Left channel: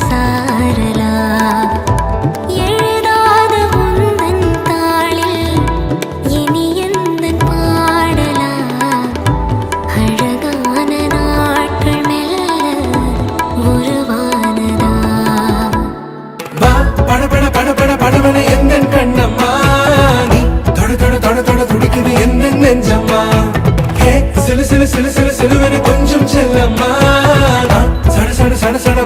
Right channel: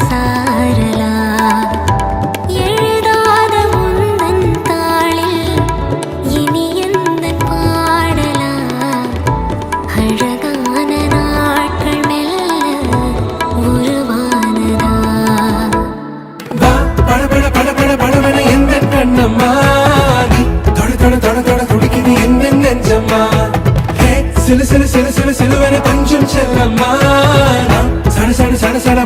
சாரலா எழுதாத உந்தன் தாளில் இனி எந்தன் பாடலா அழகான நாட்கள் மெல்ல உருவானதா பட பட பட பட படவன எந்தன் கண்ணம்மா நீ தொட தொட தொட தொட துடிக்குது எந்தன் நெஞ்சம்மா சிலு சிலு சிலு சிலு சிலுவன கொஞ்சம் செல்லம்மா சட சட சட சட